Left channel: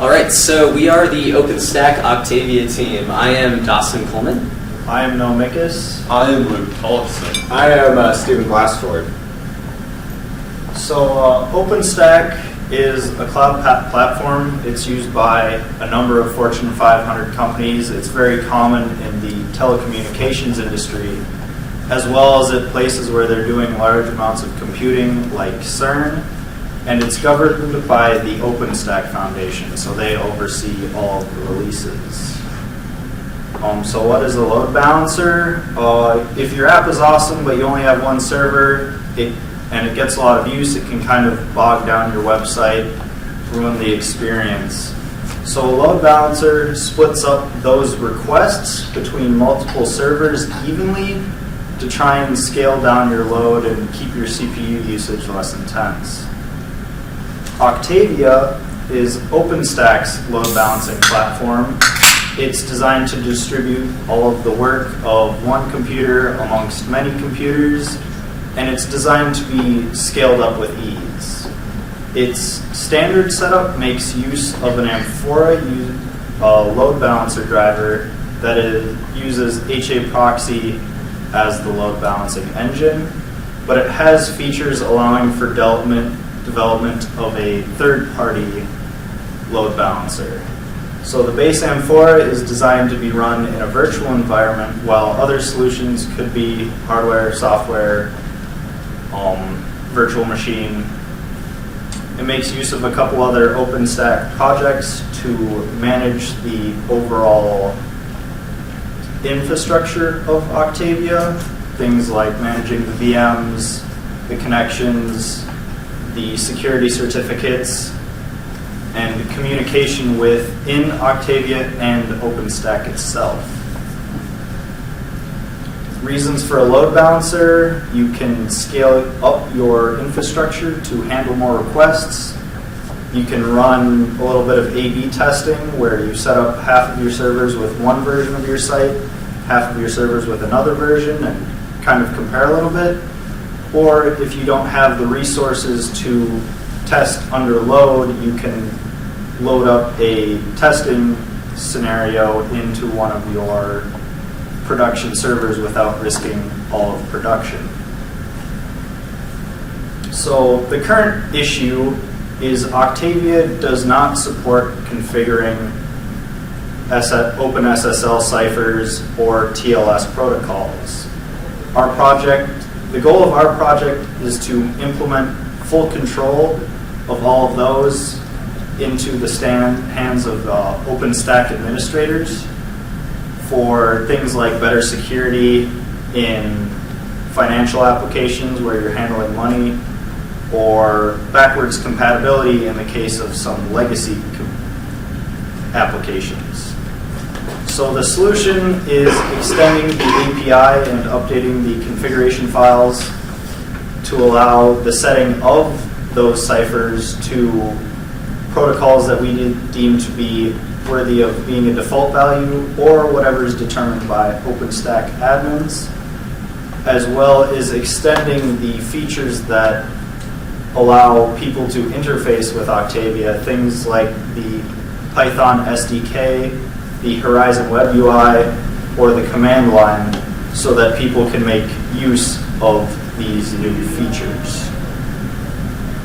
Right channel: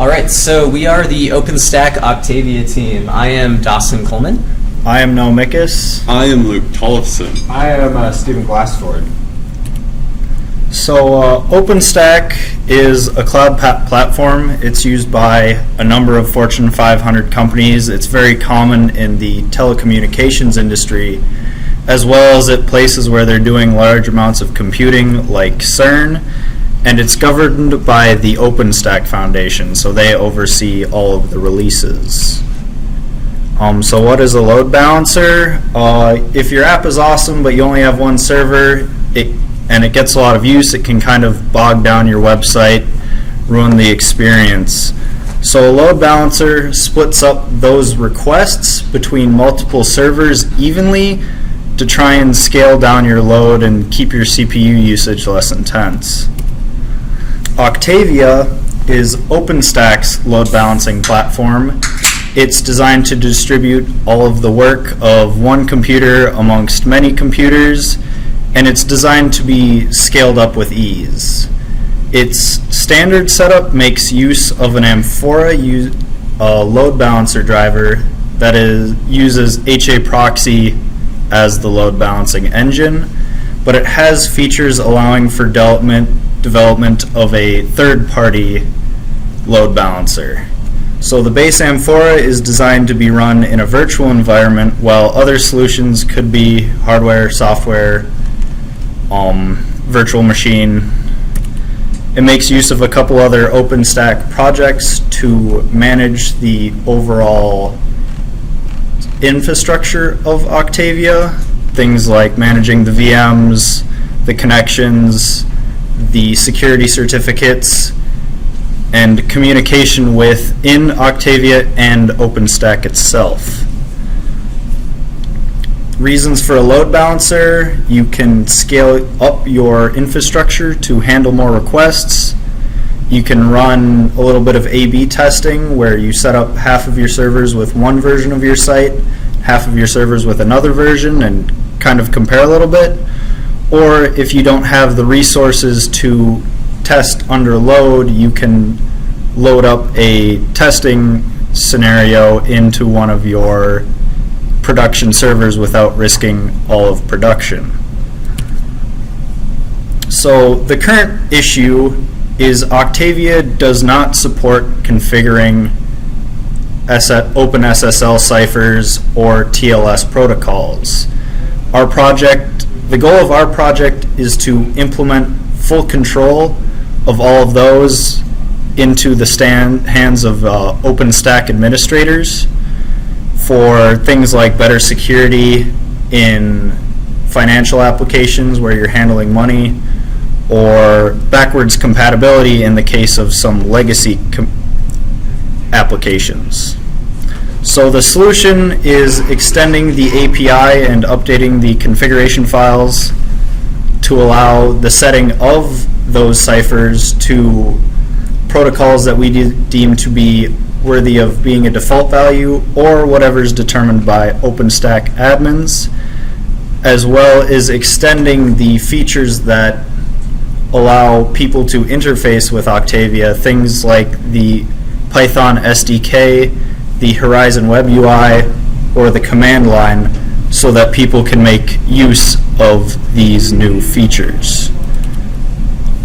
All right, so we are the OpenStack Octavia team. I am Dawson Coleman. I am Noah Mickus. I am Luke Tollefson. I am Stephen Glassford. So OpenStack is a cloud platform. It's used by a number of Fortune 500 companies. It's very common in the telecommunications industry, as well as at places where they're doing large amounts of computing like CERN. And it's governed by the OpenStack Foundation, so they oversee all of the releases. So what is a load balancer? If your app is awesome but you only have one server and it gets a lot of use, it can kind of bog down your website, ruin the experience. So a load balancer splits up those requests between multiple servers evenly to try and scale down your load and keep your CPU usage less intense. Octavia is OpenStack's load balancing platform. It's designed to distribute all of the work of one computer amongst many computers, and it's designed to be scaled up with ease. Its standard setup makes use of an Amphora load balancer driver that uses HA proxy as the load balancing engine, but it has features allowing for development of a third-party load balancer. So the base Amphora is designed to be run in a virtual environment, while other solutions could be hardware, software, virtual machine. It makes use of a couple other OpenStack projects to manage the overall infrastructure of Octavia, things like managing the VMs, the connections, the security certificates, and communication within Octavia and OpenStack itself. Reasons for a load balancer: you can scale up your infrastructure to handle more requests. You can run a little bit of A/B testing where you set up half of your servers with one version of your site, half of your servers with another version, and kind of compare a little bit. Or if you don't have the resources to test under load, you can load up a testing scenario into one of your production servers without risking all of production. So the current issue is Octavia does not support configuring OpenSSL ciphers or TLS protocols. The goal of our project is to implement full control of all of those into the hands of OpenStack administrators for things like better security in financial applications where you're handling money, or backwards compatibility in the case of some legacy applications. So the solution is extending the API and updating the configuration files to allow the setting of those ciphers to protocols that we deem to be worthy of being a default value, or whatever is determined by OpenStack admins, as well as extending the features that allow people to interface with Octavia, things like the Python SDK, the Horizon Web UI, or the command line, so that people can make use of these new features.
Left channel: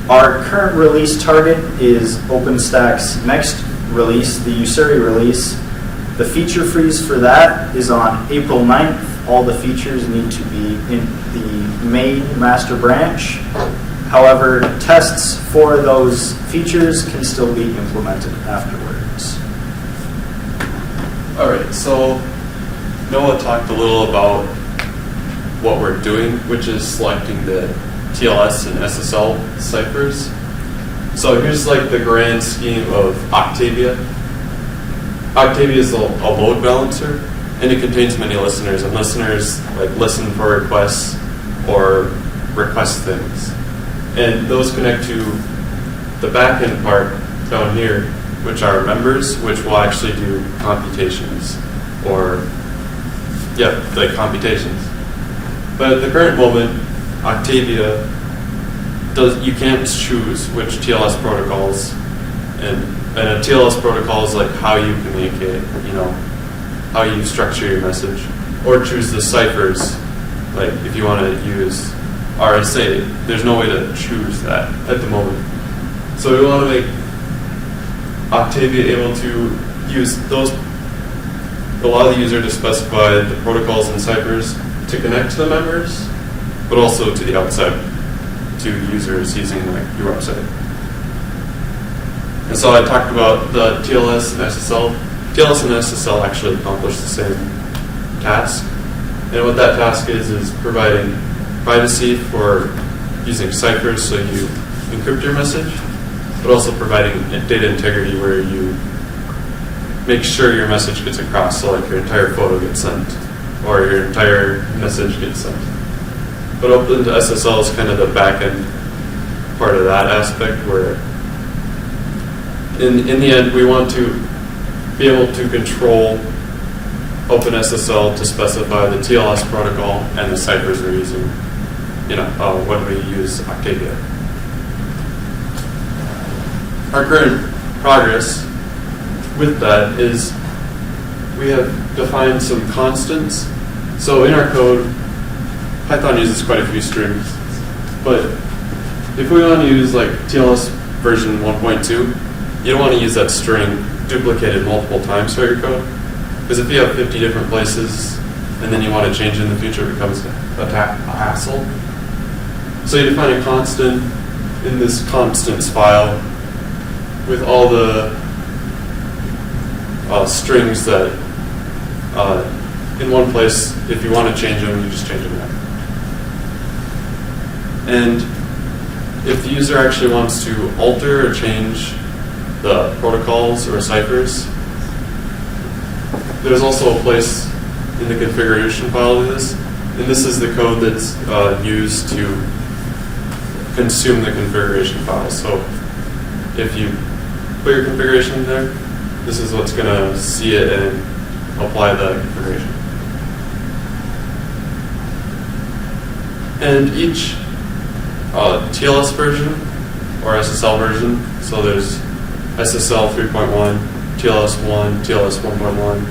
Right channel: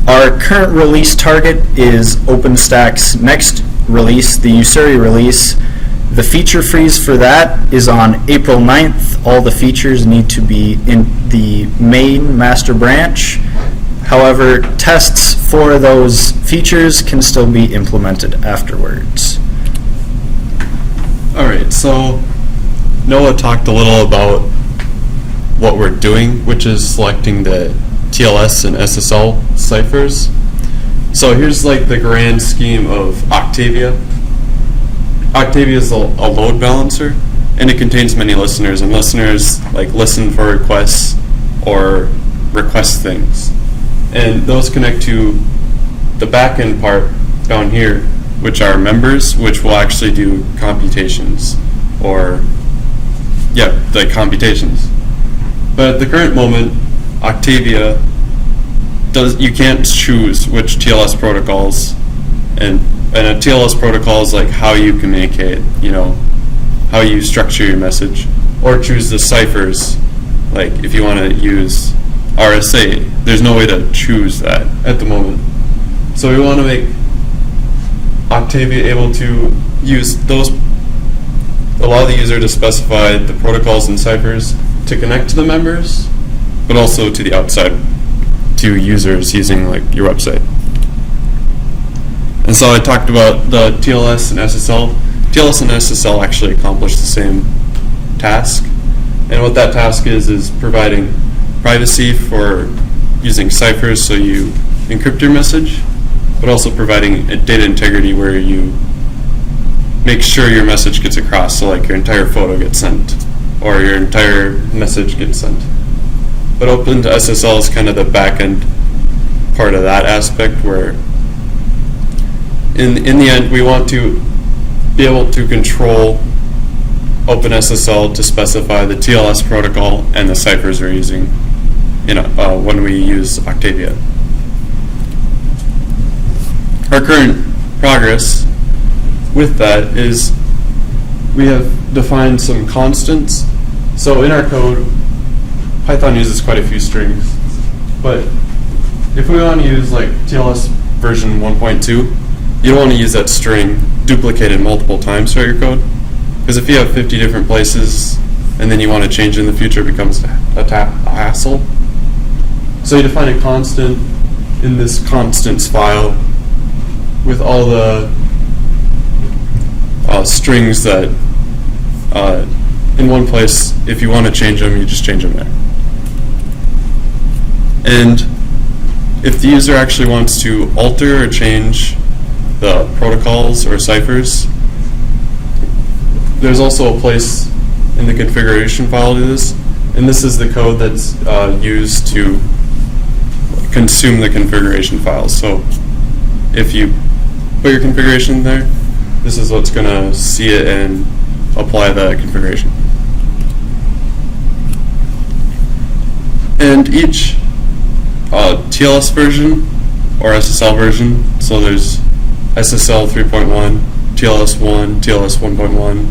Our current release target is OpenStack's next release, the Usuri release. The feature freeze for that is on April 9th. All the features need to be in the main master branch. However, tests for those features can still be implemented afterwards. Alright, so Noah talked a little about what we're doing, which is selecting the TLS and SSL ciphers. So here's like the grand scheme of Octavia. Octavia is a load balancer, and it contains many listeners, and listeners like listen for requests or request things. And those connect to the back-end part down here, which are members, which will actually do computations, the computations. But at the current moment, Octavia you can't choose which TLS protocols and and a TLS protocol is like how you communicate, how you structure your message, or choose the ciphers. Like if you want to use RSA, there's no way to choose that at the moment. So we want to make Octavia able to use those, allow the user to specify the protocols and ciphers to connect to the members, but also to the outside, to users using like your website. And so I talked about the TLS and SSL. TLS and SSL actually accomplish the same task. And what that task is providing privacy for using ciphers so you encrypt your message, but also providing data integrity where you make sure your message gets across, so like your entire photo gets sent or your entire message gets sent. But Open to SSL is kind of the back end part of that aspect where in the end we want to be able to control OpenSSL to specify the TLS protocol and the ciphers we're using when we use Octavia. Our current progress with that is we have defined some constants. So in our code, Python uses quite a few strings, but if we want to use like TLS version 1.2, you don't want to use that string duplicated multiple times throughout your code, because if you have 50 different places and then you want to change in the future, it becomes a hassle. So you define a constant in this constants file with all the strings that in one place. If you want to change them, you just change them there. And if the user actually wants to alter or change the protocols or ciphers, there's also a place in the configuration file to do this, and this is the code that's used to consume the configuration file. So if you put your configuration there, this is what's going to see it and apply the configuration. And each TLS version or SSL version, so there's SSL 3.1, TLS 1, TLS 1.1,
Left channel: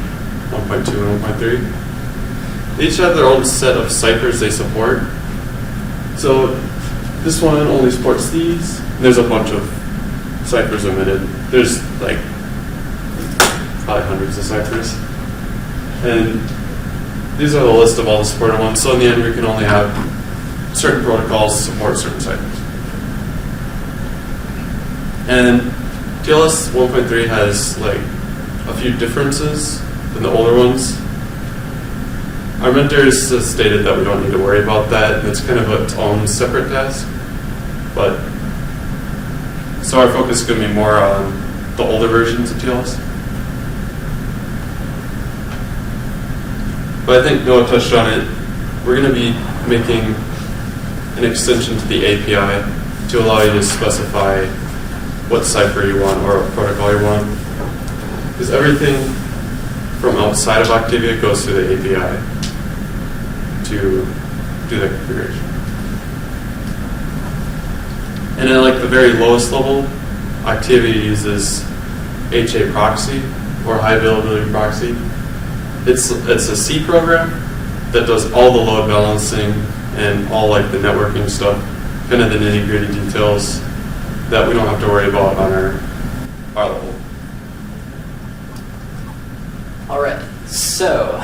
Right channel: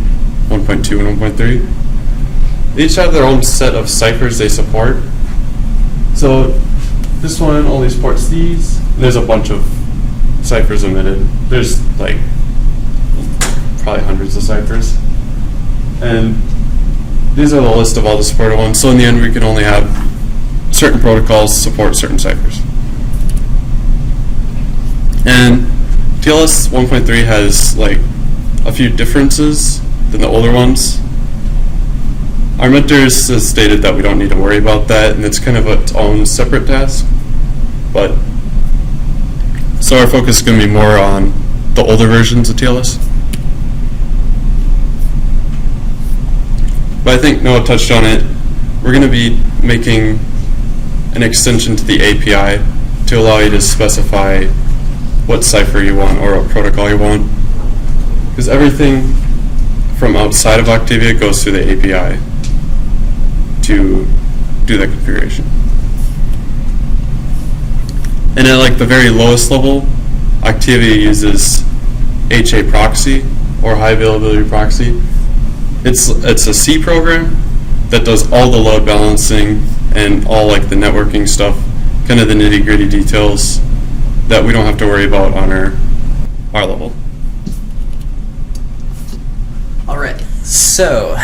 1.2, and 1.3. They each have their own set of ciphers they support. So this one only supports these. There's a bunch of ciphers omitted. There's like probably hundreds of ciphers. And these are the list of all the supported ones. So in the end, we can only have certain protocols support certain ciphers. And TLS 1.3 has like a few differences than the older ones. Our mentors has stated that we don't need to worry about that, and it's kind of its own separate task. But so our focus is going to be more on the older versions of TLS. But I think Noah touched on it. We're going to be making an extension to the API to allow you to specify what cipher you want or what protocol you want. Because everything from outside of Octavia goes through the API to do the configuration. And at like the very lowest level, Octavia uses HA proxy or high availability proxy. It's a C program that does all the load balancing and all like the networking stuff, kind of the nitty-gritty details that we don't have to worry about on our level. All right, so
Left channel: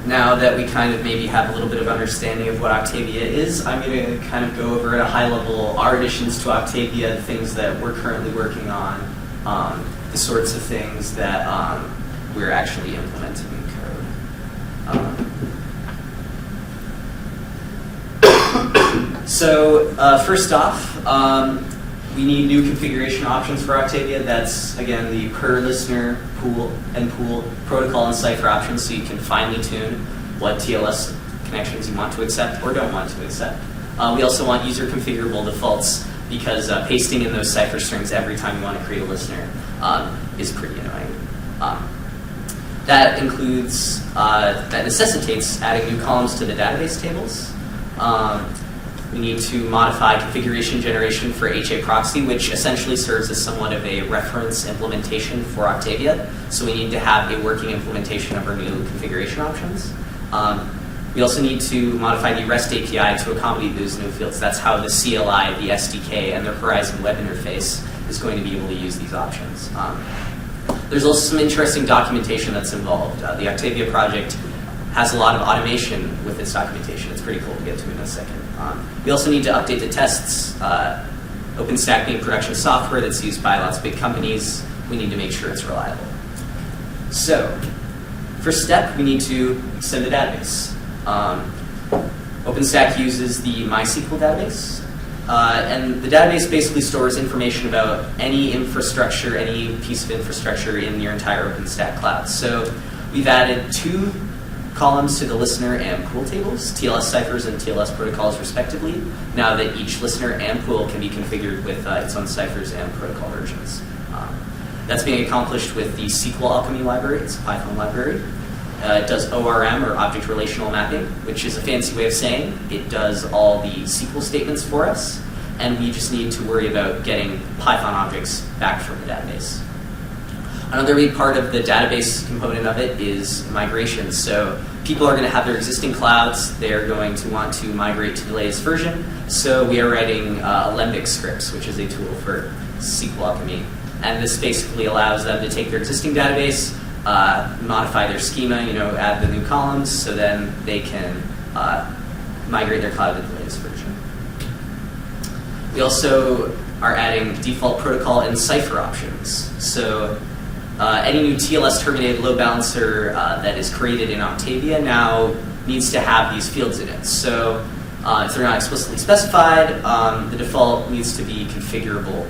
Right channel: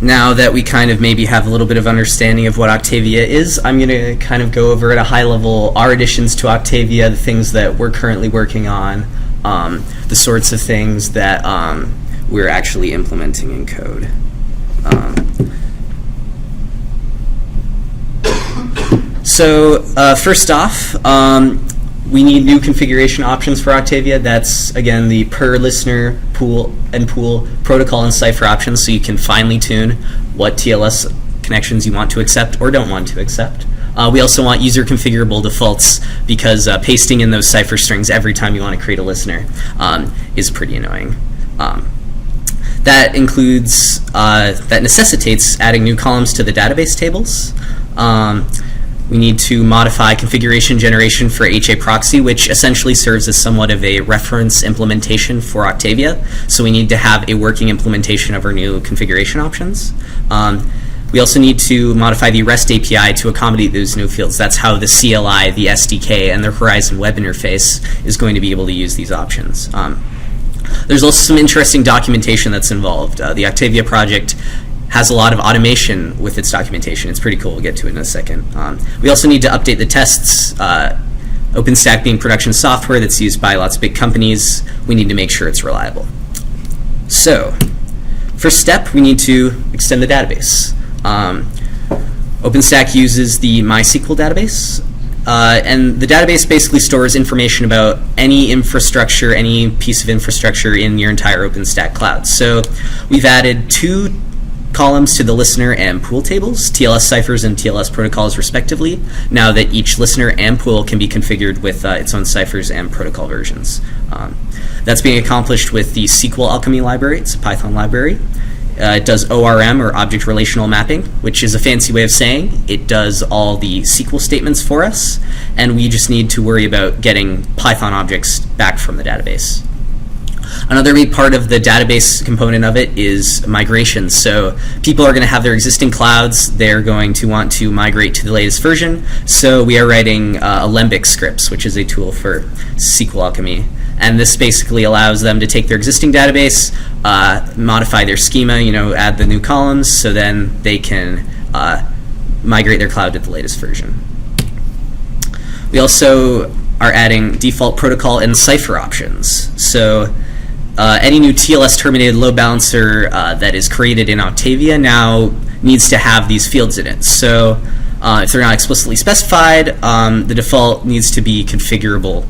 now that we kind of maybe have a little bit of understanding of what Octavia is, I'm going to kind of go over at a high level our additions to Octavia, the things that we're currently working on, the sorts of things that we're actually implementing in code. So first off, we need new configuration options for Octavia. That's, again, the per listener, pool, and pool protocol and cipher options, so you can finely tune what TLS connections you want to accept or don't want to accept. We also want user configurable defaults, because pasting in those cipher strings every time you want to create a listener is pretty annoying. That includes, that necessitates adding new columns to the database tables. We need to modify configuration generation for HA proxy, which essentially serves as somewhat of a reference implementation for Octavia. So we need to have a working implementation of our new configuration options. We also need to modify the REST API to accommodate those new fields. That's how the CLI, the SDK, and the Horizon web interface is going to be able to use these options. There's also some interesting documentation that's involved. The Octavia project has a lot of automation with its documentation. It's pretty cool. We'll get to it in a second. We also need to update the tests. OpenStack being production software that's used by lots of big companies, we need to make sure it's reliable. So, first step, we need to extend the database. OpenStack uses the MySQL database, and the database basically stores information about any infrastructure, any piece of infrastructure in your entire OpenStack cloud. So we've added 2 columns to the listener and pool tables, TLS ciphers and TLS protocols respectively, now that each listener and pool can be configured with its own ciphers and protocol versions. That's being accomplished with the SQL Alchemy library. It's a Python library. It does ORM, or Object Relational Mapping, which is a fancy way of saying it does all the SQL statements for us, and we just need to worry about getting Python objects back from the database. Another big part of the database component of it is migration. So people are going to have their existing clouds. They're going to want to migrate to the latest version. So we are writing Alembic scripts, which is a tool for SQL Alchemy. And this basically allows them to take their existing database, modify their schema, add the new columns, so then they can migrate their cloud to the latest version. We also are adding default protocol and cipher options. So any new TLS terminated load balancer that is created in Octavia now needs to have these fields in it. So if they're not explicitly specified, the default needs to be configurable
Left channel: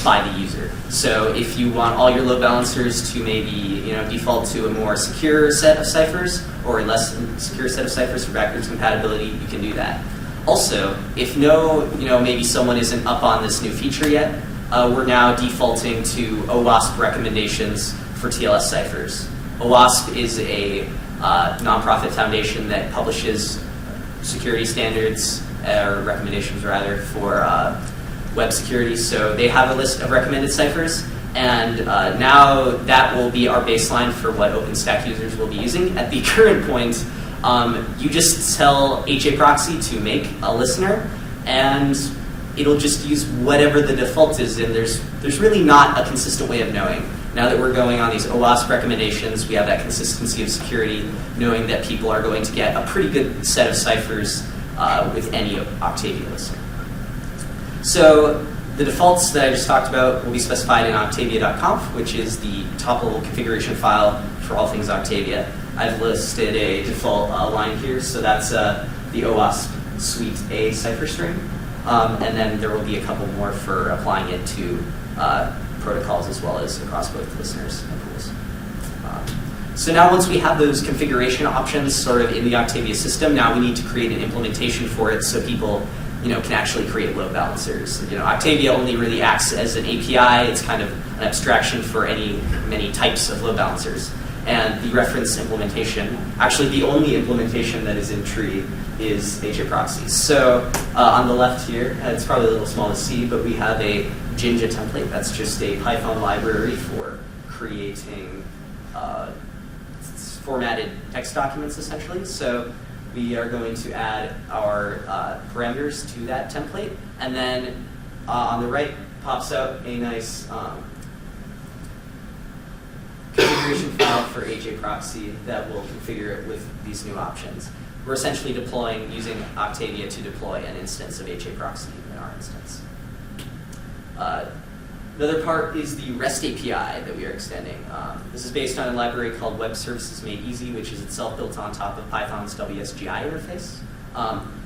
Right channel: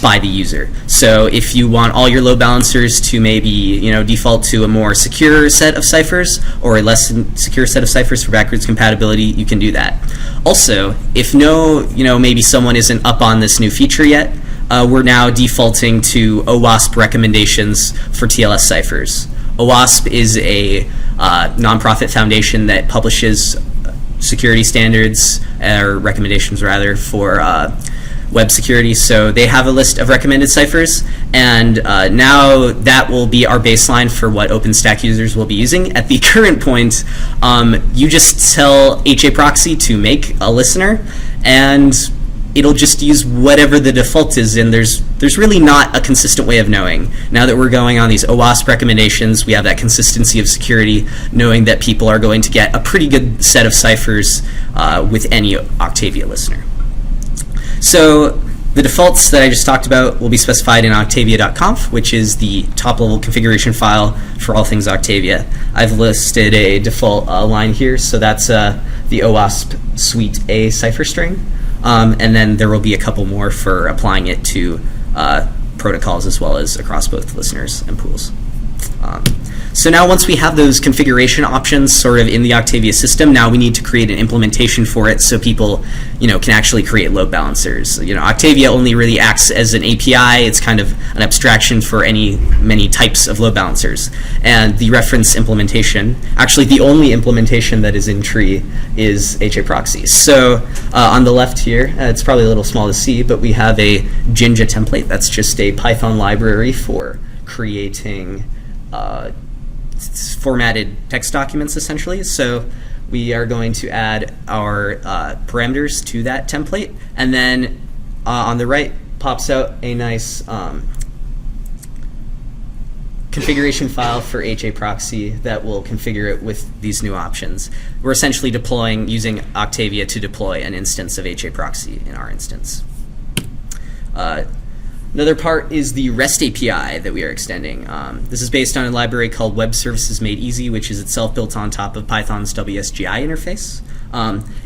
by the user. So if you want all your load balancers to maybe default to a more secure set of ciphers or a less secure set of ciphers for backwards compatibility, you can do that. Also, if maybe someone isn't up on this new feature yet, we're now defaulting to OWASP recommendations for TLS ciphers. OWASP is a nonprofit foundation that publishes security standards, or recommendations rather, for web security. So they have a list of recommended ciphers, and now that will be our baseline for what OpenStack users will be using. At the current point, you just tell HA proxy to make a listener, and it'll just use whatever the default is, and there's really not a consistent way of knowing. Now that we're going on these OWASP recommendations, we have that consistency of security, knowing that people are going to get a pretty good set of ciphers with any Octavia listener. So the defaults that I just talked about will be specified in octavia.conf, which is the top-level configuration file for all things Octavia. I've listed a default line here, so that's the OWASP Suite A cipher string. And then there will be a couple more for applying it to protocols as well as across both listeners and pools. So now once we have those configuration options sort of in the Octavia system, now we need to create an implementation for it so people can actually create load balancers. Octavia only really acts as an API. It's kind of an abstraction for many types of load balancers. And the reference implementation, actually the only implementation that is in tree, is HA proxy. So on the left here, it's probably a little small to see, but we have a Jinja template. That's just a Python library for creating formatted text documents, essentially. So we are going to add our parameters to that template, and then on the right pops out a nice configuration file for HA proxy that will configure it with these new options. We're essentially using Octavia to deploy an instance of HA proxy in our instance. Another part is the REST API that we are extending. This is based on a library called Web Services Made Easy, which is itself built on top of Python's WSGI interface.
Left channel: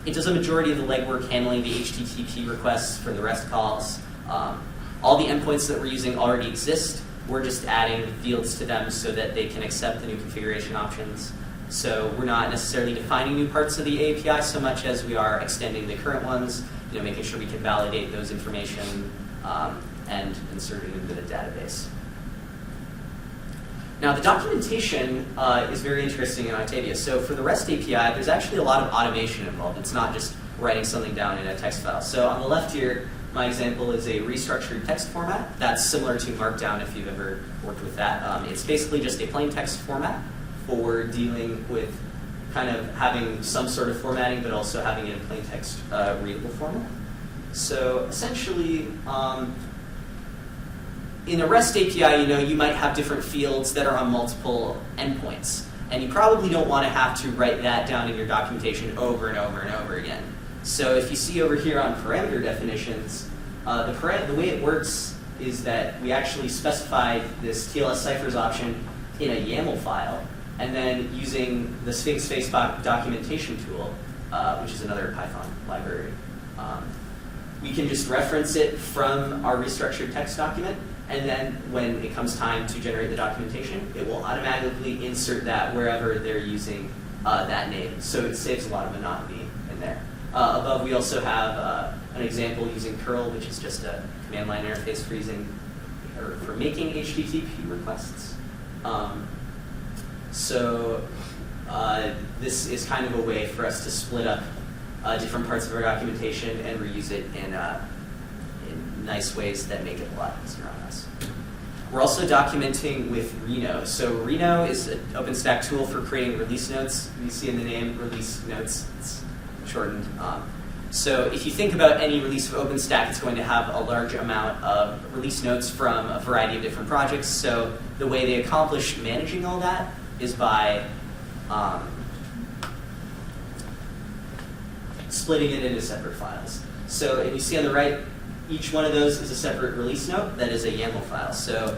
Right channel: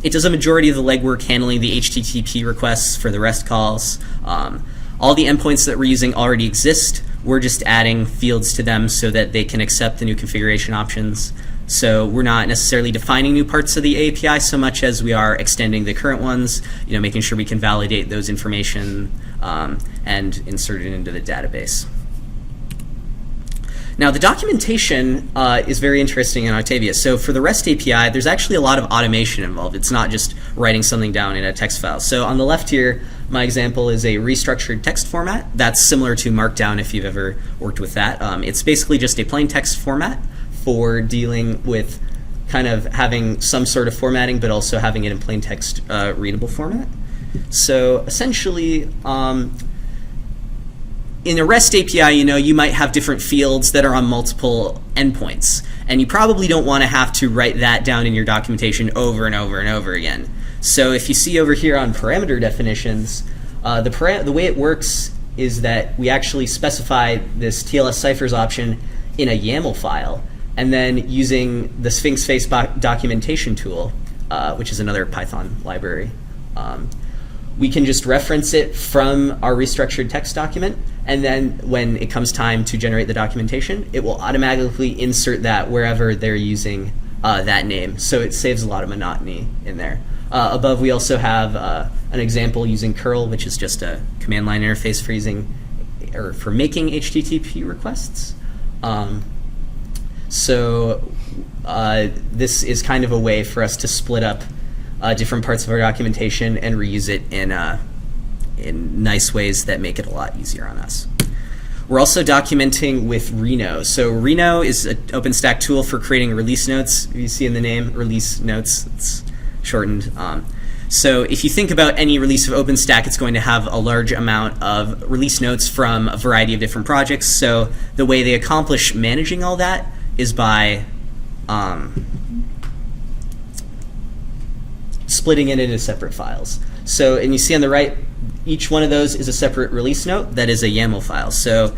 It does a majority of the legwork handling the HTTP requests for the REST calls. All the endpoints that we're using already exist. We're just adding fields to them so that they can accept the new configuration options. So we're not necessarily defining new parts of the API so much as we are extending the current ones, making sure we can validate those information and insert it into the database. Now, the documentation is very interesting in Octavia. So for the REST API, there's actually a lot of automation involved. It's not just writing something down in a text file. So on the left here, my example is a restructured text format. That's similar to Markdown if you've ever worked with that. It's basically just a plain text format for dealing with kind of having some sort of formatting, but also having it in plain text readable format. So essentially, in a REST API, you might have different fields that are on multiple endpoints, and you probably don't want to have to write that down in your documentation over and over and over again. So if you see over here on parameter definitions, the way it works is that we actually specify this TLS ciphers option in a YAML file, and then using the Sphinx Face documentation tool, which is another Python library, we can just reference it from our restructured text document, and then when it comes time to generate the documentation, it will automatically insert that wherever they're using that name. So it saves a lot of monotony in there. Above, we also have an example using curl, which is just a command line interface for making HTTP requests. So this is kind of a way for us to split up different parts of our documentation and reuse it in nice ways that make it a lot easier on us. We're also documenting with Reno. So Reno is an OpenStack tool for creating release notes. You see in the name, release notes, it's shortened. So if you think about any release of OpenStack, it's going to have a large amount of release notes from a variety of different projects. So the way they accomplish managing all that is by splitting it into separate files. So, and you see on the right, each one of those is a separate release note that is a YAML file. So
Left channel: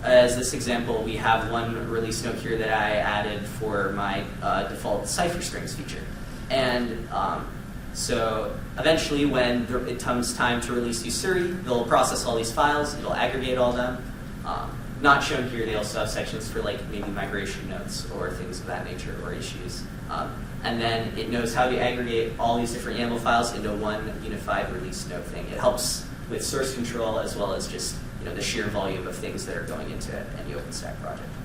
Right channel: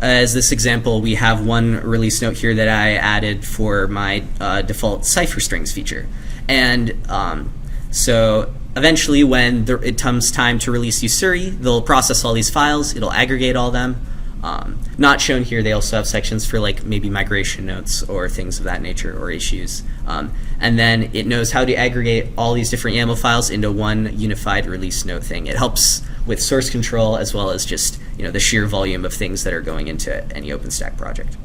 as this example, we have one release note here that I added for my default cipher strings feature. And so eventually when it comes time to release Usuri, they'll process all these files, it'll aggregate all them. Not shown here, they also have sections for like maybe migration notes or things of that nature or issues. And then it knows how to aggregate all these different YAML files into one unified release note thing. It helps with source control as well as just the sheer volume of things that are going into any OpenStack project.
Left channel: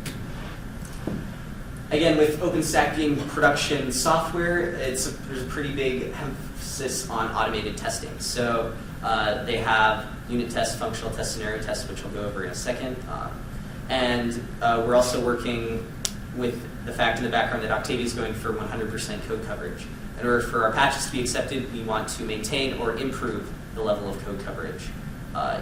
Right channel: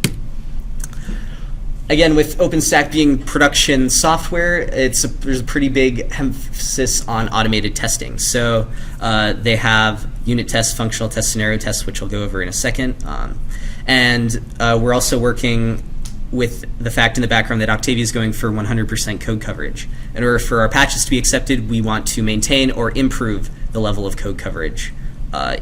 Again, with OpenStack being production software, there's a pretty big emphasis on automated testing. So they have unit tests, functional tests, scenario tests, which I'll go over in a second. And we're also working with the fact in the background that Octavia is going for 100% code coverage. In order for our patches to be accepted, we want to maintain or improve the level of code coverage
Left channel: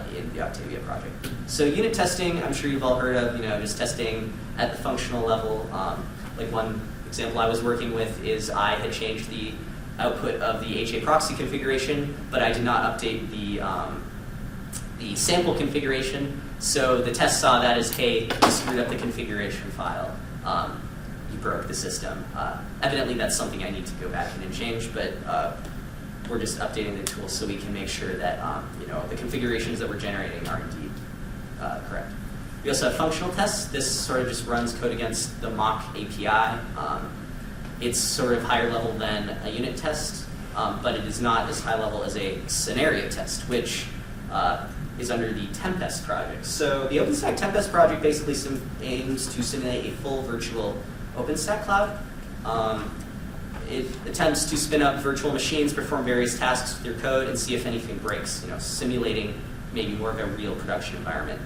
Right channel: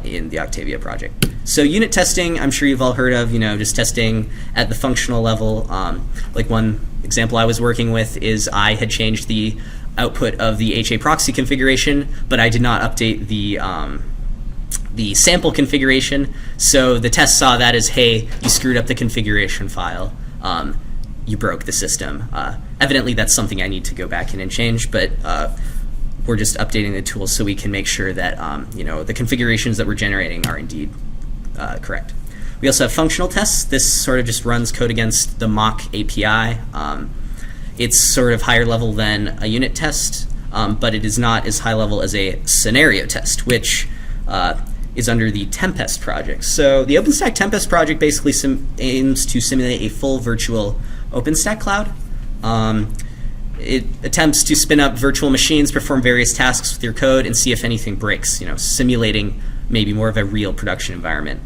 in the Octavia project. So unit testing, I'm sure you've all heard of, just testing at the functional level. Like one example I was working with is I had changed the output of the HA proxy configuration, but I did not update the sample configuration. So the test saw that as, hey, you screwed up the configuration file. You broke the system. Evidently, that's something I need to go back in and change, but we're just updating the tool so we can make sure that the configurations that we're generating are indeed correct. We also have functional tests. This sort of just runs code against the mock API. It's sort of higher level than a unit test, but it is not as high level as a scenario test, which is under the Tempest project. So the OpenStack Tempest project basically aims to simulate a full virtual OpenStack cloud. It attempts to spin up virtual machines, perform various tasks with your code, and see if anything breaks, simulating maybe more of a real production environment.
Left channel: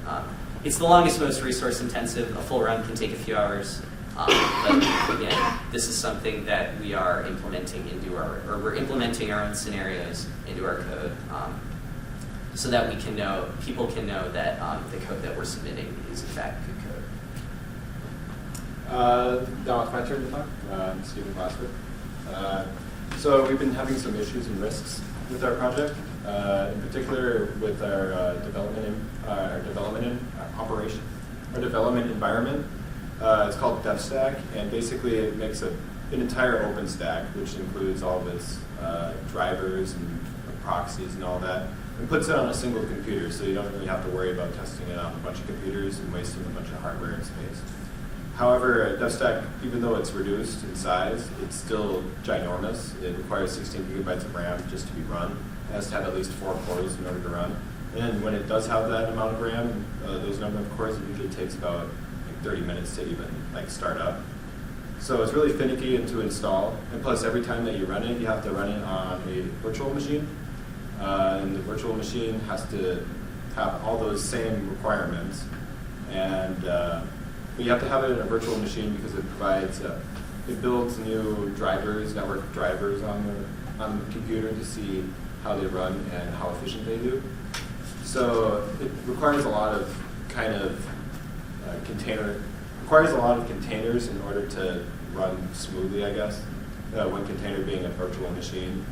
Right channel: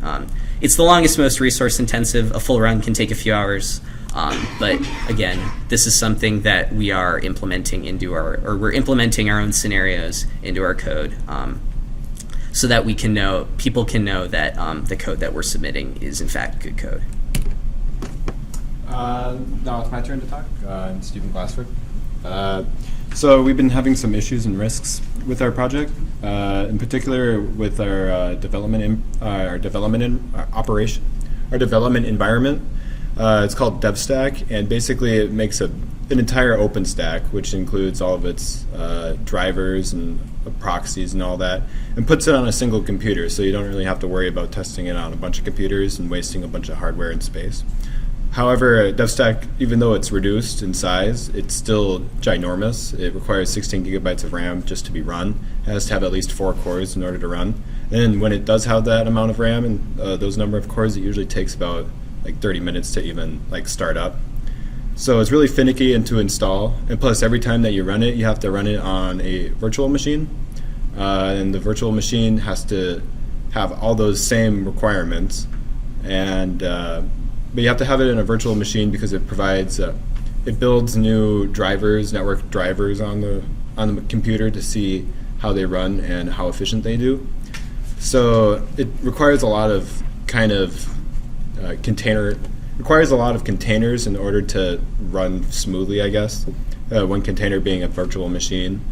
It's the longest, most resource intensive. A full run can take a few hours. But again, this is something that we are implementing we're implementing our own scenarios into our code. So that people can know that the code that we're submitting is in fact good code. Now it's my turn to talk. I'm Stephen Glassford. So we've been having some issues and risks with our project, in particular with our development environment. It's called DevStack, and basically it makes an entire OpenStack, which includes all of its drivers and proxies and all that, and puts it on a single computer, so you don't really have to worry about testing it on a bunch of computers and wasting a bunch of hardware and space. However, DevStack, even though it's reduced in size, it's still ginormous. It requires 16 gigabytes of RAM just to be run. It has to have at least 4 cores in order to run. And when it does have that amount of RAM and those number of cores, it usually takes about 30 minutes to even start up. So it's really finicky and to install. And plus, every time that you run it, you have to run it on a virtual machine. And the virtual machine has to have all those same requirements. And but you have to have it in a virtual machine because it provides, it builds new drivers, network drivers on the computer to see how they run and how efficient they do. So it requires a lot of requires a lot of containers in order to run smoothly, I guess. One container being a virtual machine.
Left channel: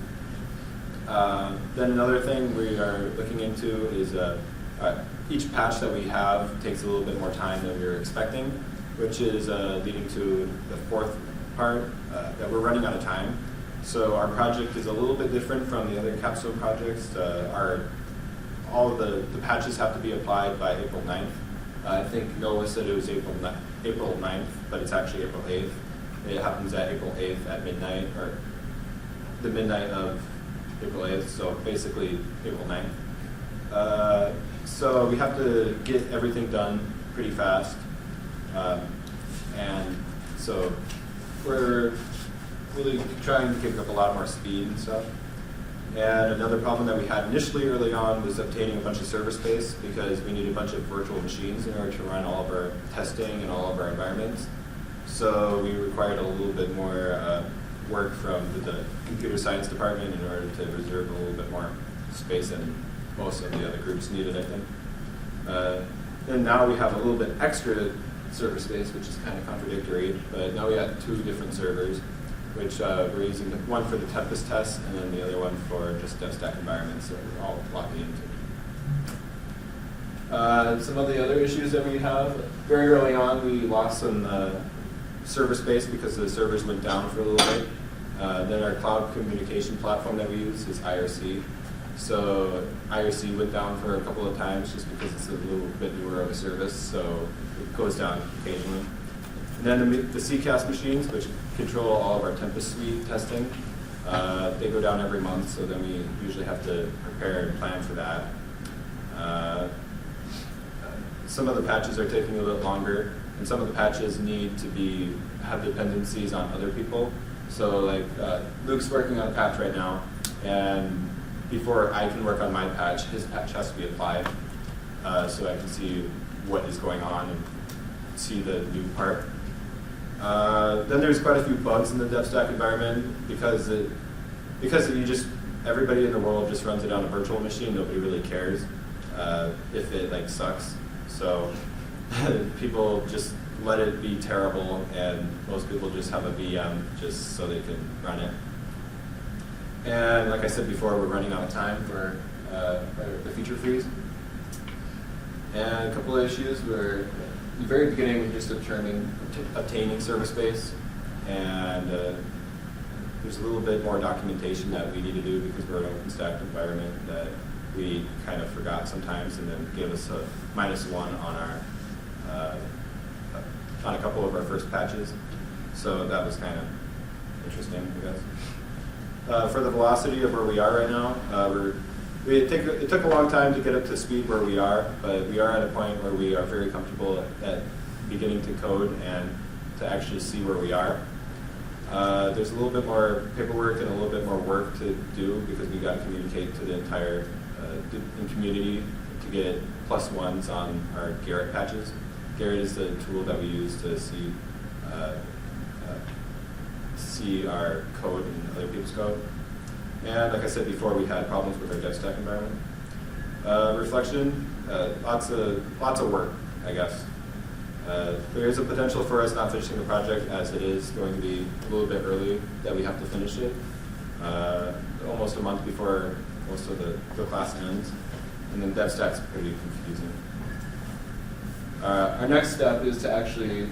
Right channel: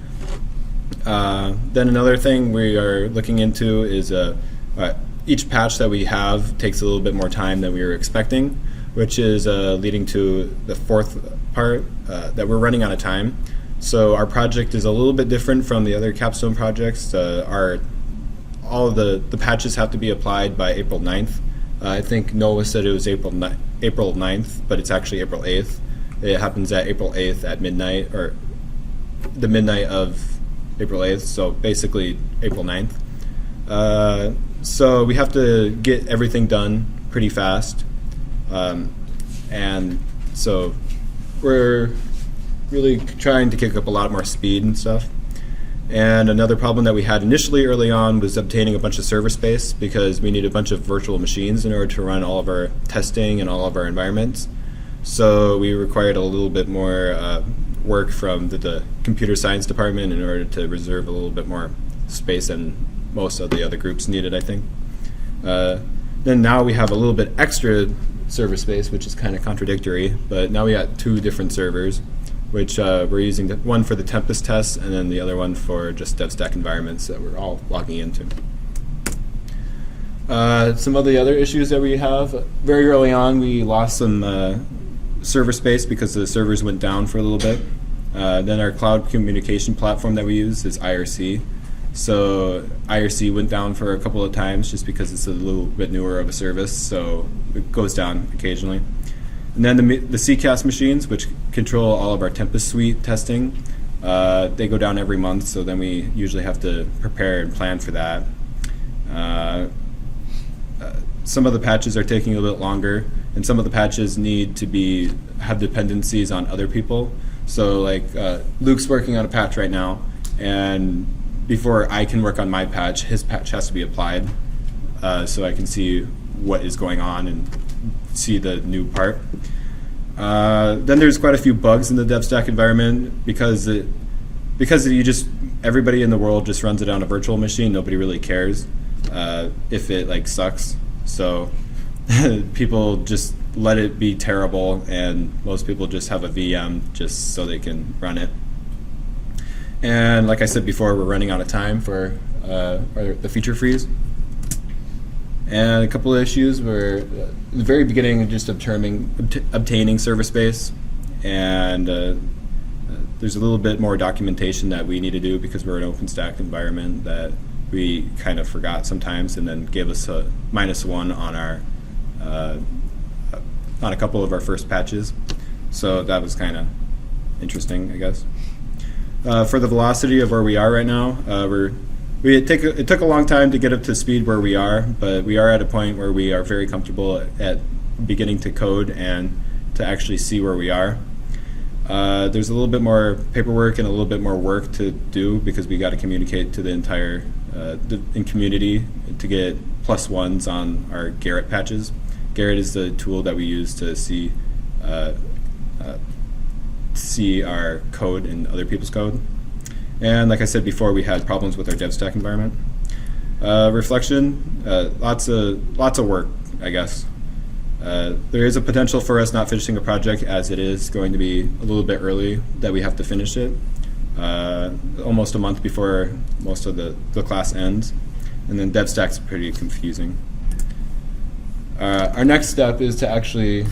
Then another thing we are looking into is each patch that we have takes a little bit more time than we were expecting, which is leading to the fourth part, that we're running out of time. So our project is a little bit different from the other capstone projects. All of the patches have to be applied by April 9th. I think Noah said it was April 9th, but it's actually April 8th. It happens at April 8th at midnight, or the midnight of April 8th, so basically April 9th. So we have to get everything done pretty fast. And so we're really trying to kick up a lot more speed and stuff. And another problem that we had initially early on was obtaining a bunch of server space, because we need a bunch of virtual machines in order to run all of our testing and all of our environments. So we required a little bit more work from the computer science department in order to reserve a little bit more space than most of the other groups needed, I think. Then now we have a little bit extra server space, which is kind of contradictory, but now we got 2 different servers, which we're using, one for the Tempest tests and then the other one for just DevStack environments that we're all logging into. Some of the other issues that we have, very early on we lost some server space because the servers went down for a little bit. Then our cloud communication platform that we use is IRC. So IRC went down for a couple of times just because it's a little bit newer of a service, so it goes down occasionally. And then the CCAS machines, which control all of our Tempest Suite testing, they go down every month, so then we usually have to prepare and plan for that. Some of the patches are taking a bit longer, and some of the patches need to have dependencies on other people. So like Luke's working on a patch right now, and before I can work on my patch, his patch has to be applied, so I can see what is going on and see the new part. Then there's quite a few bugs in the DevStack environment because everybody in the world just runs it on a virtual machine. Nobody really cares if it sucks. So people just let it be terrible, and most people just have a VM just so they can run it. And like I said before, we're running out of time for the feature freeze. And a couple of issues were, in the very beginning, just obtaining server space, and there's a little bit more documentation that we need to do because we're an OpenStack environment that we kind of forgot sometimes, and then gave us a -1 on a couple of our first patches. So that was kind of interesting, I guess. For the velocity of where we are right now, it took a long time to get up to speed where we are, but we are at a point where we are very comfortable at beginning to code and to actually see where we are. There's a little bit more paperwork and a little bit more work to do because we got to communicate to the entire community to get +1s on our Garrett patches. Garrett is the tool that we use to see our code in other people's code. And like I said before, we had problems with our DevStack environment. Reflection, lots of work, I guess. There is a potential for us not finishing a project, as it is going to be a little bit early that we have to finish it. Almost a month before most of the class ends. And then DevStack's pretty confusing. Our next step is to actually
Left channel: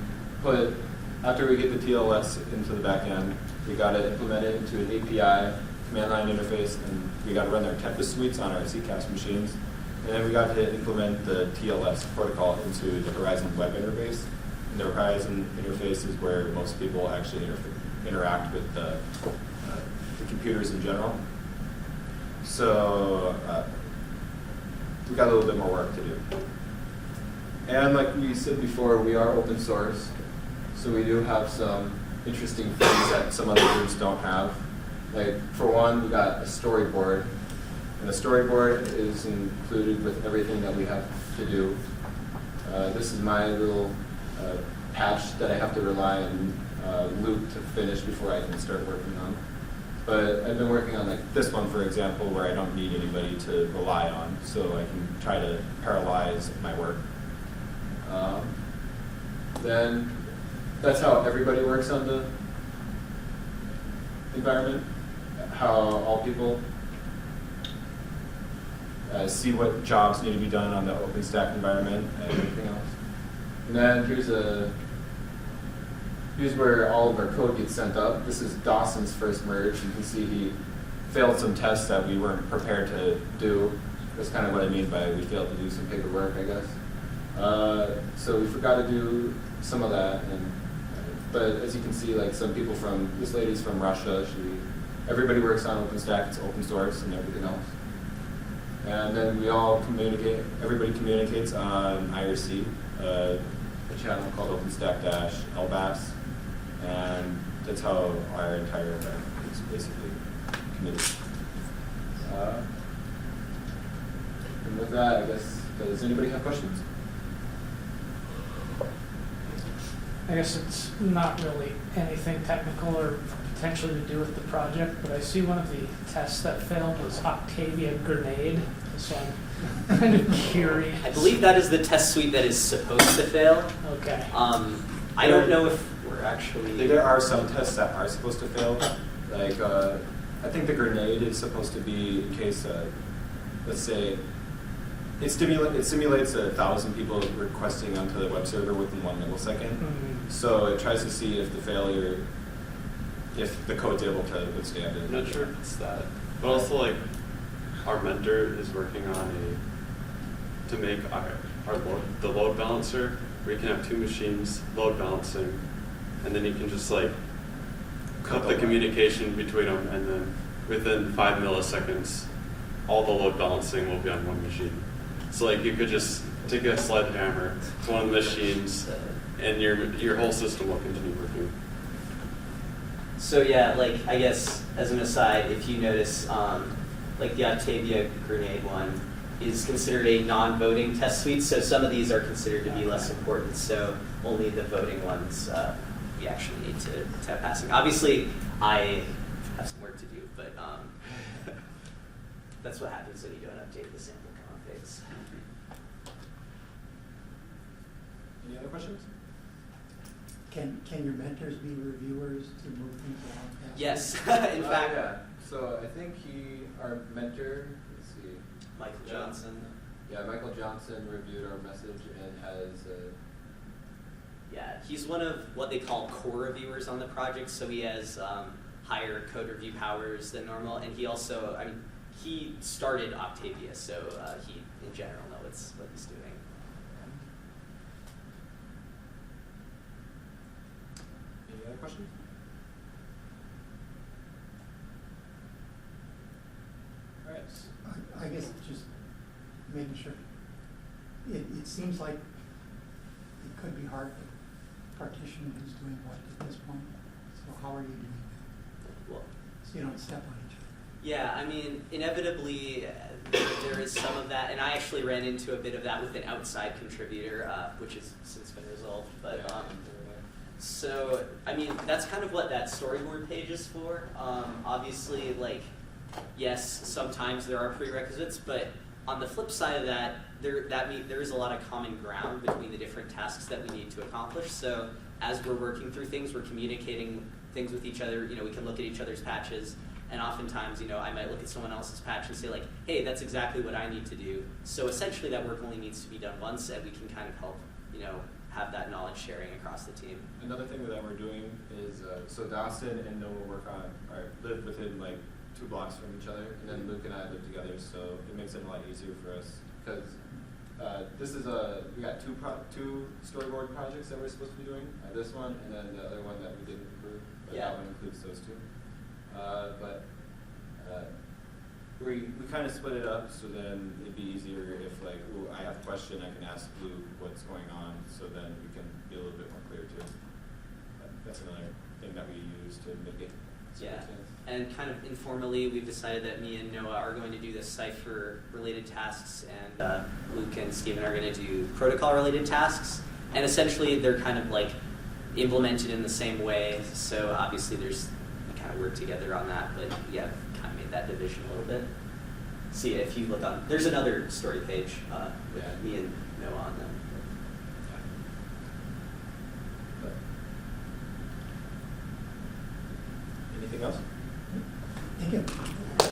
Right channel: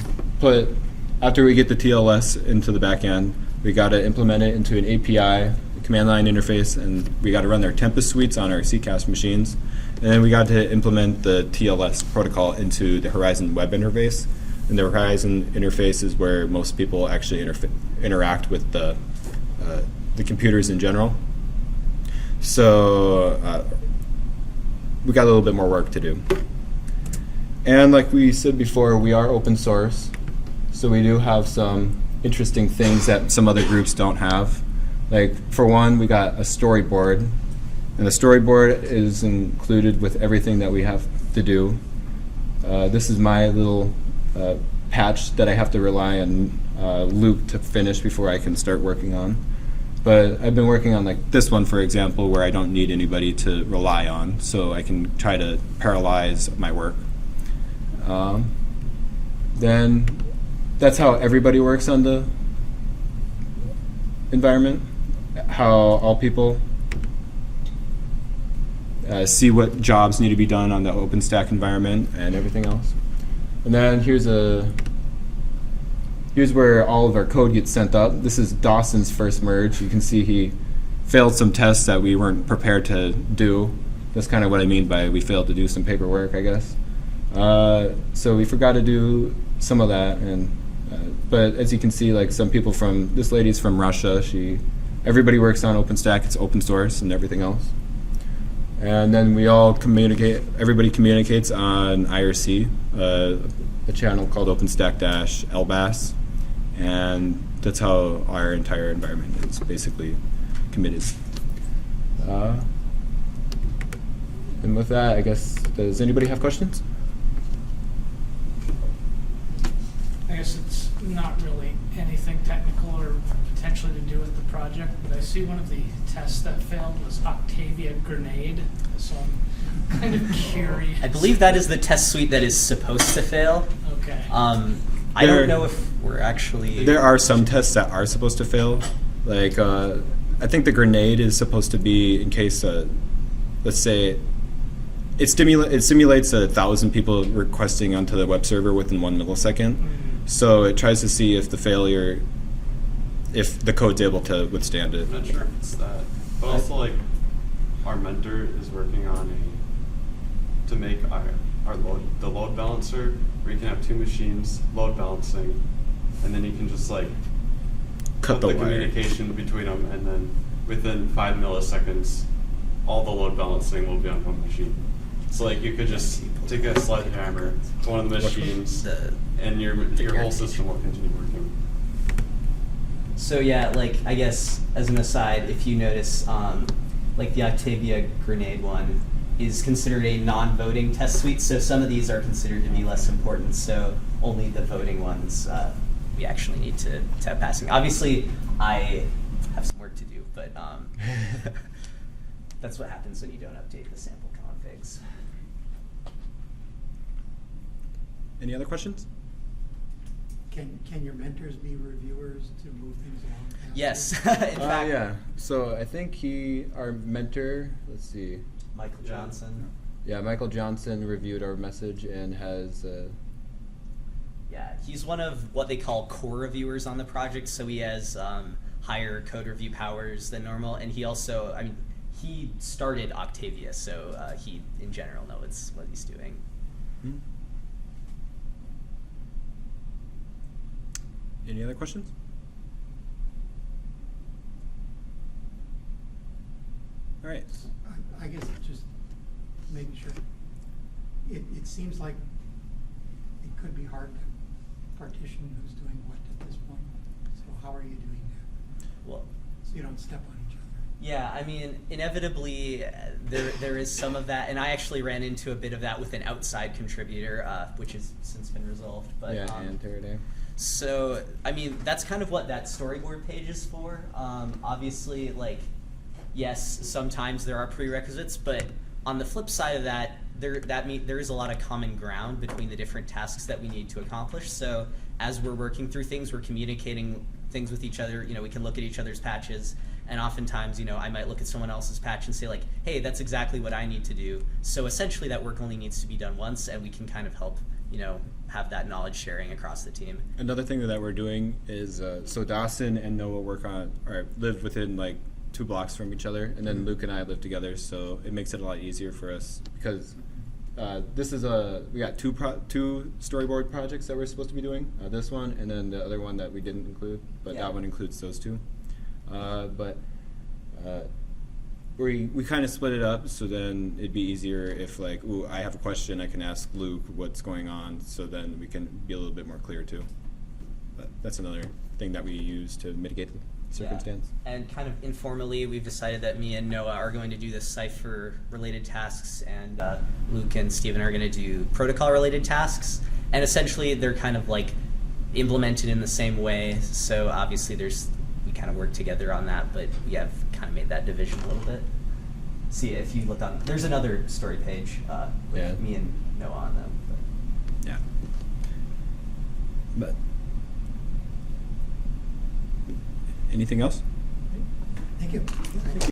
after we get the TLS into the back end, we got to implement it into an API, command line interface, and we got to run their Tempest suites on our CCAS machines. And then we got to implement the TLS protocol into the Horizon web interface. And the Horizon interface is where most people actually interact with the computers in general. So we got a little bit more work to do. And like we said before, we are open source. So we do have some interesting things that some other groups don't have. Like for one, we got a storyboard, and the storyboard is included with everything that we have to do. This is my little patch that I have to rely on Luke to finish before I can start working on. But I've been working on like this one, for example, where I don't need anybody to rely on, so I can try to parallelize my work. Then that's how everybody works on the environment, how all people see what jobs need to be done on the OpenStack environment and everything else. And then here's where all of our code gets sent up. This is Dawson's first merge. You can see he failed some tests that we weren't prepared to do. That's kind of what I mean by we failed to do some paperwork, I guess. So we forgot to do some of that, and but as you can see, like some people this lady's from Russia. Everybody works on OpenStack. It's open source and everything else. And then we all communicate. Everybody communicates on IRC, a channel called OpenStack-LBAS. And that's how our entire environment is basically committed. And with that, I guess, does anybody have questions? I guess it's not really anything technical or potentially to do with the project, but I see one of the tests that failed was Octavia Grenade, so I'm kind of curious. I believe that is the test suite that is supposed to fail. Okay. I don't know if we're actually... There are some tests that are supposed to fail. Like, I think the grenade is supposed to be in case, let's say, it simulates 1,000 people requesting onto the web server within 1 millisecond. Mm-hmm. So it tries to see if the code's able to withstand it. I'm not sure if it's that, but also like our mentor is working on to make the load balancer. We can have two machines load balancing, and then you can just like cut the communication between them, and then within 5 milliseconds, all the load balancing will be on one machine. So like you could just take a sledgehammer to one of the machines, and your whole system will continue working. So yeah, like I guess as an aside, if you notice, like the Octavia Grenade one is considered a non-voting test suite, so some of these are considered to be less important, so only the voting ones we actually need to have passing. Obviously, I have some work to do, but that's what happens when you don't update the sample configs. Any other questions? Can your mentors be reviewers to move things along? Yes, in fact. Yeah. So I think our mentor, let's see. Michael Johnson. Yeah, Michael Johnson reviewed our message and has... Yeah, he's one of what they call core reviewers on the project, so he has higher code review powers than normal, and he also, he started Octavia, so he, in general, knows what he's doing. Any other questions? All right. I guess it's just making sure. It seems like it could be hard to partition who's doing what at this point. So how are you doing that? Well, So you don't step on each other. yeah, inevitably there is some of that, and I actually ran into a bit of that with an outside contributor, which has since been resolved. But Yeah, so, that's kind of what that storyboard page is for. Obviously, yes, sometimes there are prerequisites, but on the flip side of that, there is a lot of common ground between the different tasks that we need to accomplish. So as we're working through things, we're communicating things with each other. We can look at each other's patches, and oftentimes, I might look at someone else's patch and say hey, that's exactly what I need to do. So essentially that work only needs to be done once, and we can kind of help, have that knowledge sharing across the team. Another thing that we're doing is, so Dawson and Noah live within 2 blocks from each other, and then Luke and I live together, so it makes it a lot easier for us because we got two storyboard projects that we're supposed to be doing. This one, and then the other one that we didn't include, but that one includes those two. We kind of split it up, so then it'd be easier if I have a question, I can ask Luke what's going on, so then we can be a little bit more clear too. that's another thing that we use to mitigate the circumstance. Yeah. And kind of informally, we've decided that me and Noah are going to do the Cypher-related tasks, and Luke and Steven are going to do protocol-related tasks. And essentially, they're kind of like implemented in the same way. So obviously, we kind of work together on that, but we have kind of made that division a little bit. See, if you look on, there's another story page. Yeah. Me and Noah on them. Yeah. But anything else? Thank you.